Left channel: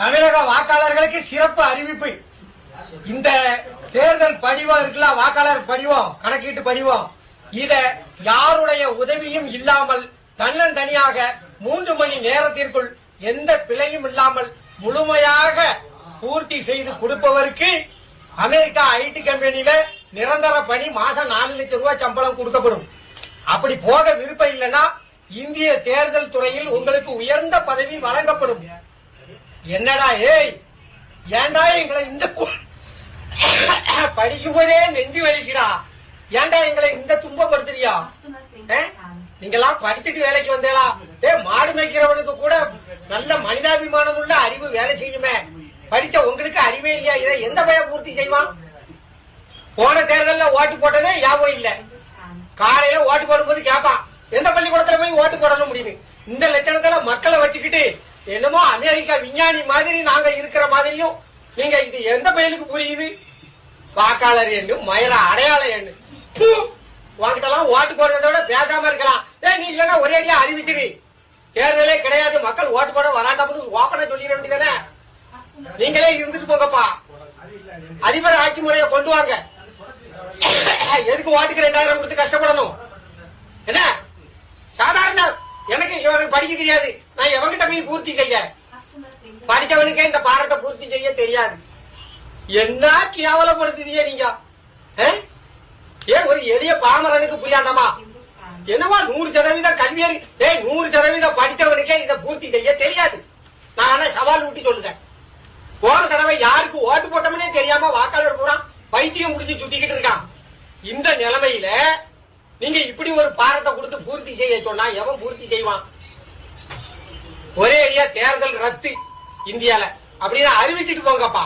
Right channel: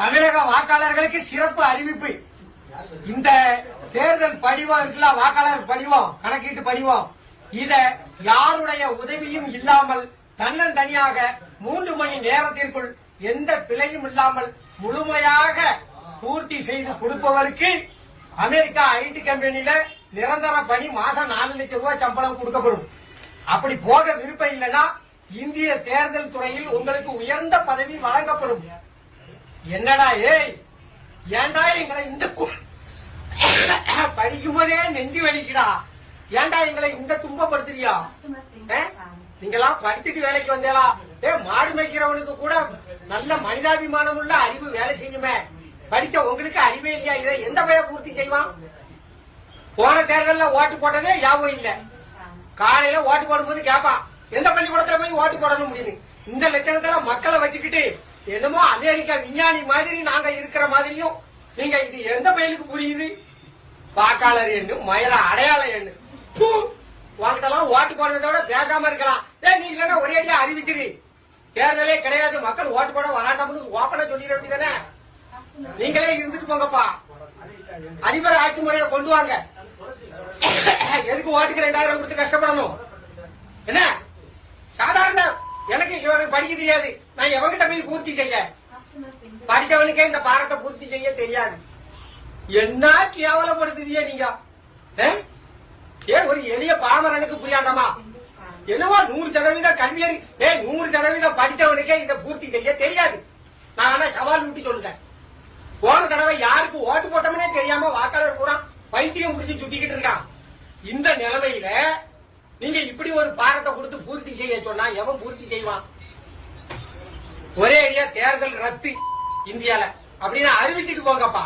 தமிழக வாக்காளர்களுக்கு சிறப்பு அறிவிப்பு. இந்த தேர்தல் படிவம் இருக்குல்ல, வாக்காளர் படிவம், கணக்கீட்டு படிவம், இத யாருடைய உதவியும் இல்லாமல் தன்னந்தனியாக 3 மணி நேரத்திற்குள் எந்த பிழையும் இல்லாமல் முழுமையாக பூர்த்தி செய்து கொடுப்பவருக்கு அமெரிக்கா ஐடி கம்பெனியில நிரந்தர பணி, மாசம் 4 லட்சம் ரூபாய் சம்பளம் கொடுக்கப்படும். அப்படி போக விருப்பம் இல்லைன்னா இந்திய தேர்தல் துறையில் உங்களுக்கு உயர்ந்த பதவி வழங்கப்படும். என்னடா ஏய், ஏண்டா எங்களை இந்த படிக்கும் போதே நெஞ்சு வலிக்குடா, ஏண்டா எங்களை இந்த துன்பப்படுத்துறியா? நீங்கெல்லாம் படிச்சுட்டு வேலைக்கு வந்தேலா? மாடு மேய்க்கிறவனுக்கு கூட நல்ல மனிதாபிமானம் உள்ள அறிவு வேலை செய்யுமே. படிச்ச உங்களுக்கு அறிவே இல்லையா? இதை எந்த பையன் பூர்த்தி செய்வான்? போன தேர்தலில் ஓட்டு போட்டதே ஞாபகம் இல்ல. காலையில ஓட்டு போடும்போது கேட்பான், எந்த பள்ளிக்கூடத்துல போய் ஓட்டு போடணும் முடியுது. இந்த லட்சணத்துல மக்களை வச்சுக்கிட்டு என்னமோ அமெரிக்கா விஞ்ஞானி மாதிரி நாங்க இருக்கிற மாதிரியும் நீங்க இது எந்த பயிலுக்கு புரியுது? வாக்காளர் எண்ணு, மயிர அடையாள எண்ணு. உங்ககிட்டலாம் ஓட்டு போடுறத விட பேசாம இருக்கலாம். நீ இல்லன்னா ஒரே அடியா அறிவிச்சிரு, தேர்தலே கிடையாது, மக்கள் ஓட்டு போட வராண்டாம்னு ஓப்பனா சொல்லிட வேண்டியதானே. நீங்களே இருந்துட்டு போங்கப்பா, அதிபர் ஆட்சி முறையை கொண்டு வாங்க. எதுக்கு ஓட்டுக்கு 2000 கொடுத்து கஷ்டப்படணும்? என்ன சாதாரண எனக்கு படிக்க தெரியாது, நான் எவங்கிட்ட போய் பூர்த்தி செய்ய? படிச்சவனுக்கே இந்த பாரத்தை பூர்த்தி செய்ய தெரியாது. என்ன கேவலப்படுத்துதியே நீங்க? ஏன் ஒரு எளிய பாமரனுக்கு புரியாண்டாமா? என்னவா 100% கல்வியறி, 100% படித்தவனுக்கே இதை பூர்த்தி செய்ய தெரியாது. நான் ஆனா சவால் ஊட்டி சொல்லுதேன். போன தடவை யாருக்கு ஓட்டு போட்டோம்னே தெரியாம வாக்காளர் பூரா பைத்தியம் முடிச்சு சுத்திக்கிட்டு இருக்கான். இந்த நிலைமையில நீங்க இப்படி ஒரு பாரத்தை கொடுத்து பூர்த்தி செய்ய சொன்னா எவன் பூர்த்தி செய்வான்? ஒரே அடியா தேர்தல் ரத்து இந்தியால அப்படின்னு அறிவிச்சுட்டு போங்கப்பா.